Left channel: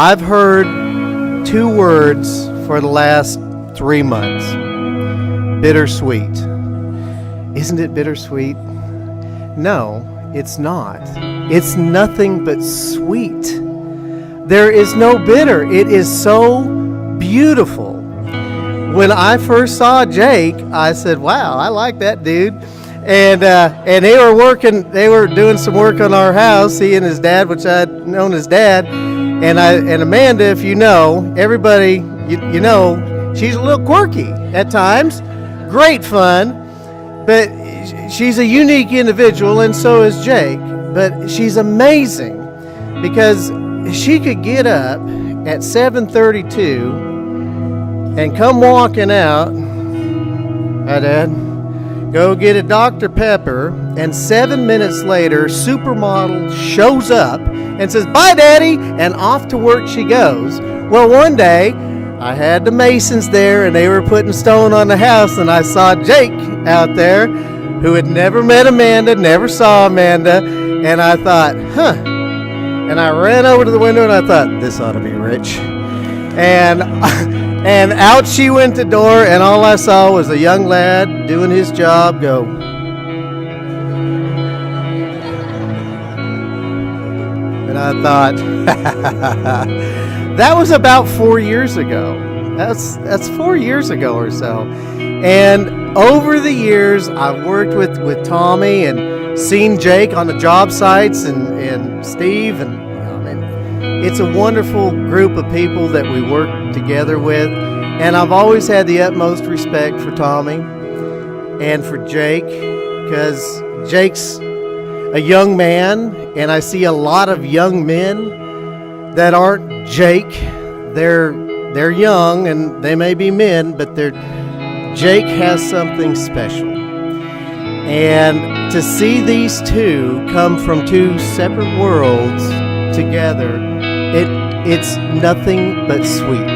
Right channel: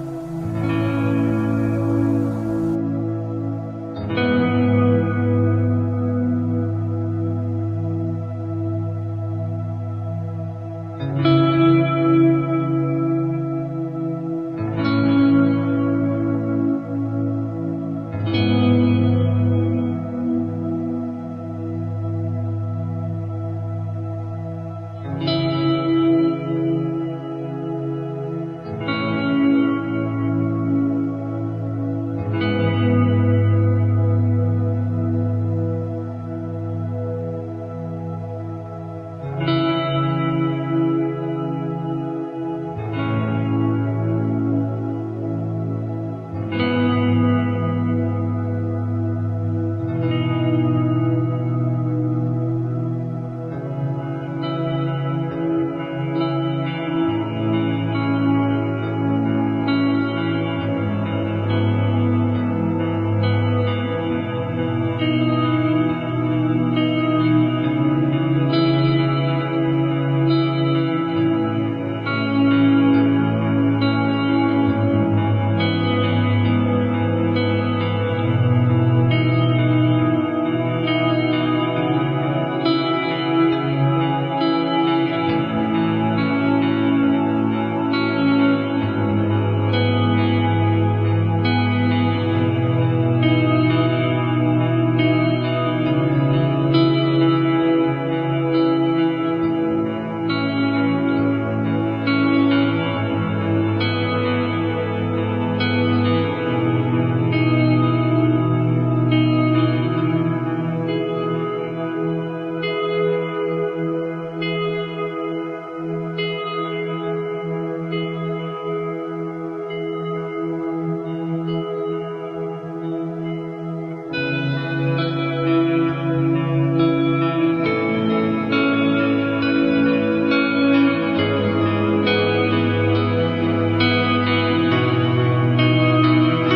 I've heard two words for the last 3 months. Bittersweet. Isn't it bittersweet? No, it's not. It's nothing but sweet. There is no bitter. It is so beautiful. When I first saw Jake, I said, wow, I like that dude. And they were doing some work on our house, he and his dad, which I'd known his dad. And Amanda, if you know, everybody, you know, she's a little quirky at times. Great fun. But she's a unique individual, and so is Jake. But she's amazing because she could get up at 7:32 and come walking out. Hi, Dad. Go get a Dr. Pepper, and 7 minutes later, supermodel shows up and says, "Bye, Daddy," and off to work she goes. Well, one day, I had the Masons there, and they were putting stone on the house, and I saw Jake out there, who had never met Amanda, never saw Amanda, and I thought, huh. And I ran over to the window, and I thought, this ought to be rich. And out she went the door, and all I saw was a young lad doing his job go. And I thought, that was about 4 years ago. That's 4 years ago or so. And over the years, I've worked with Tommy and seen Jake on the job sites and Steve, and it's a wonderful group of people that we work together with. And I've always had the utmost respect for Tommy and for Jake, because Jake's a young man, and I see a lot of young men that aren't Jake. They're young and they may be men, but Jake has something special. And to see these two come from two separate worlds together, it's nothing but sweet.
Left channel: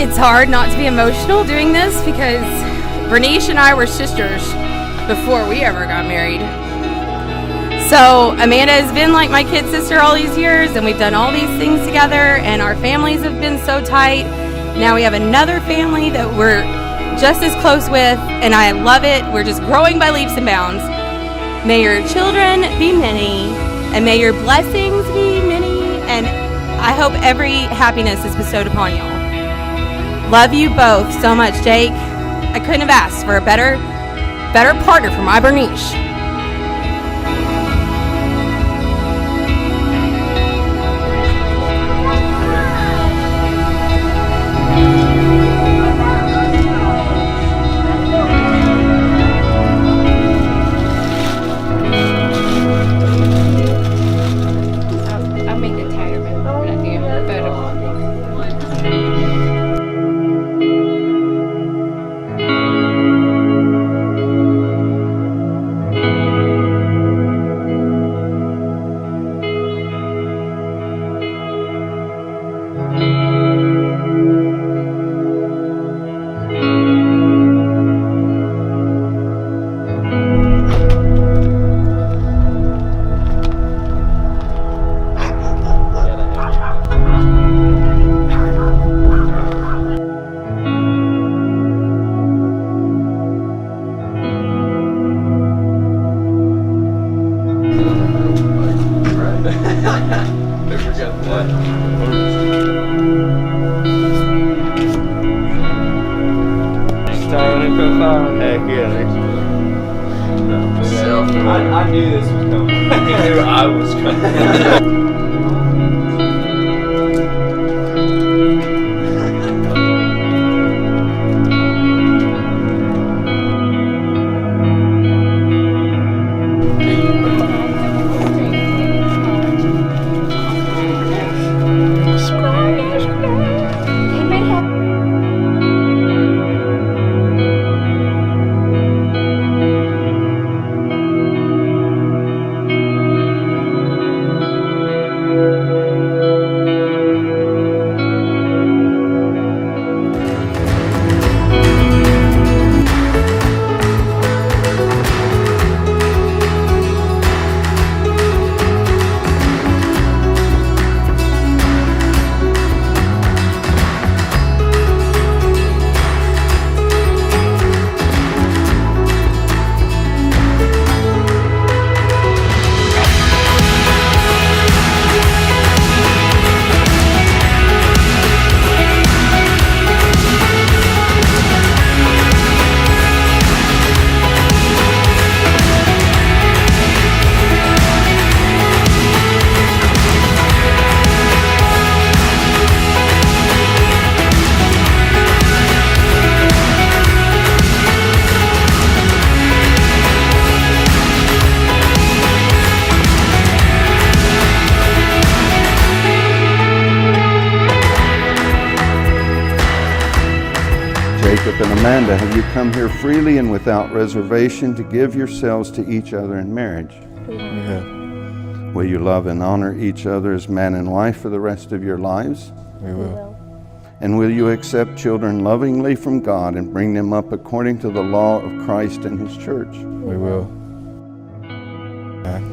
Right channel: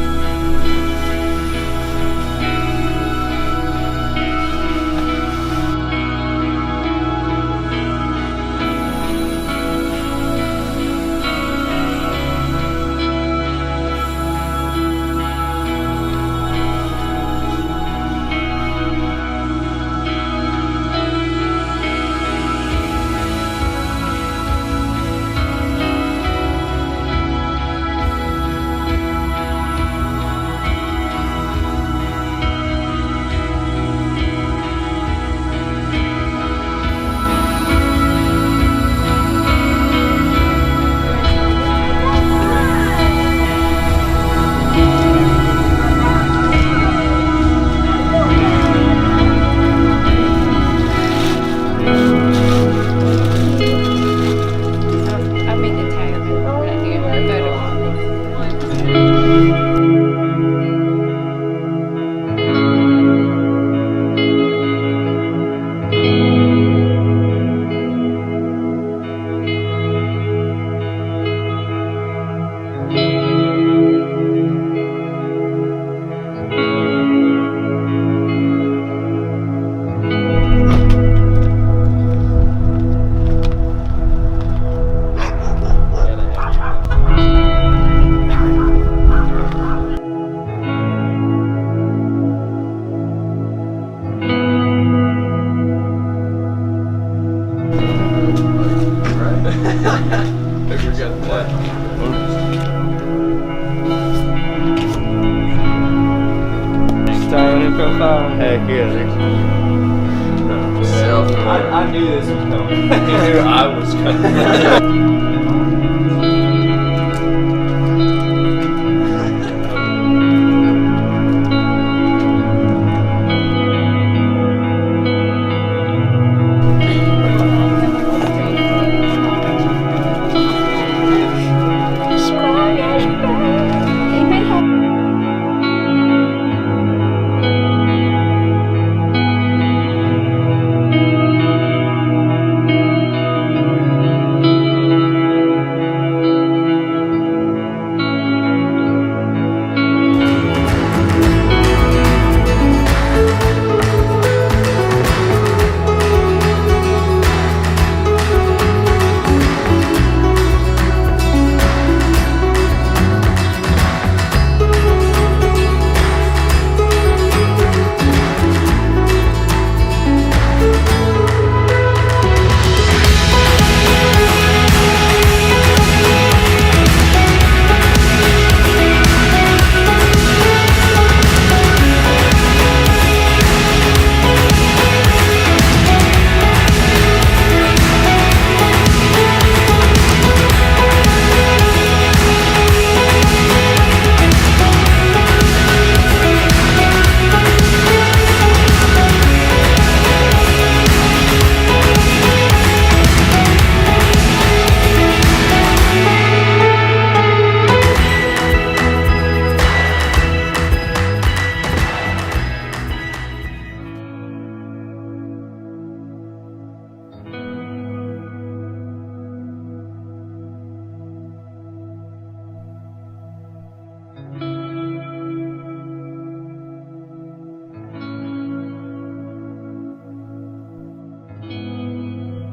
It's hard not to be emotional doing this because Bernice and I were sisters before we ever got married. So Amanda has been like my kid sister all these years, and we've done all these things together, and our families have been so tight. Now we have another family that we're just as close with, and I love it. We're just growing by leaps and bounds. May your children be many, and may your blessings be many, and I hope every happiness is bestowed upon you. Love you both so much, Jake. I couldn't have asked for a better partner for my Bernice. I'll make it tighter before I do a photo. Never got that. Styling in profile. Heck yeah, dude. No. I knew this was coming. I knew I was coming. Have you come here freely and without reservation to give yourselves to each other in marriage? Yeah. Will you love and honor each other as man and wife for the rest of your lives? We will. And will you accept children lovingly from God and bring them up according to the law of Christ and His church? We will.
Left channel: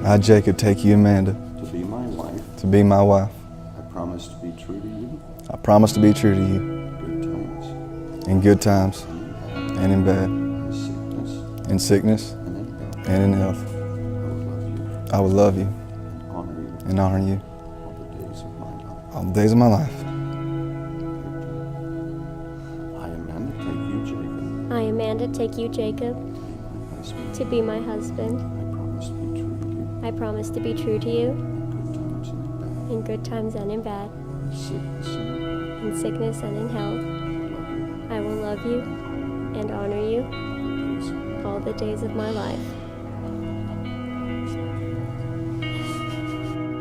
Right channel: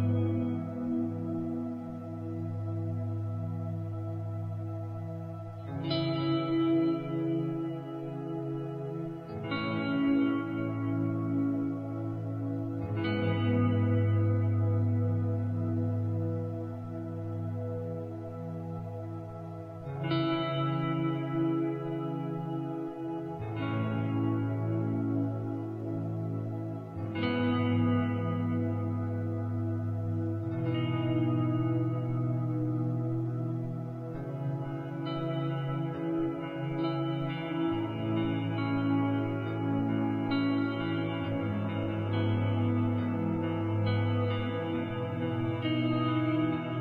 I, Jacob, take you, Amanda, To be my wife. to be my wife. I promise to be true to you. I promise to be true to you Good times. in good times and in bad, Sickness. in sickness and in health. I will love you Honor you. and honor you All the days of my life. all the days of my life. I, Amanda, take you, Jacob. I, Amanda, take you, Jacob, Husband. to be my husband. I promise to be true to you. I promise to be true to you In good times and in bad. in good times and in bad, In sickness and in sickness and in health. I will love you and honor you all the days of my life.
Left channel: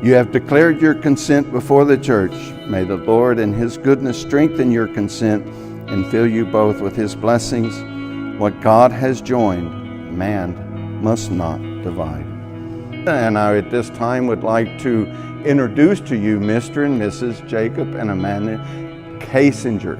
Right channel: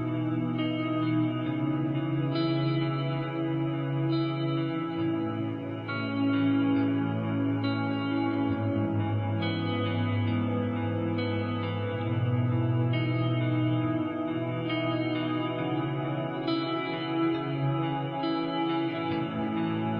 You have declared your consent before the church. May the Lord in His goodness strengthen your consent and fill you both with His blessings. What God has joined, man must not divide. And I at this time would like to introduce to you Mr. and Mrs. Jacob and Amanda Kasinger.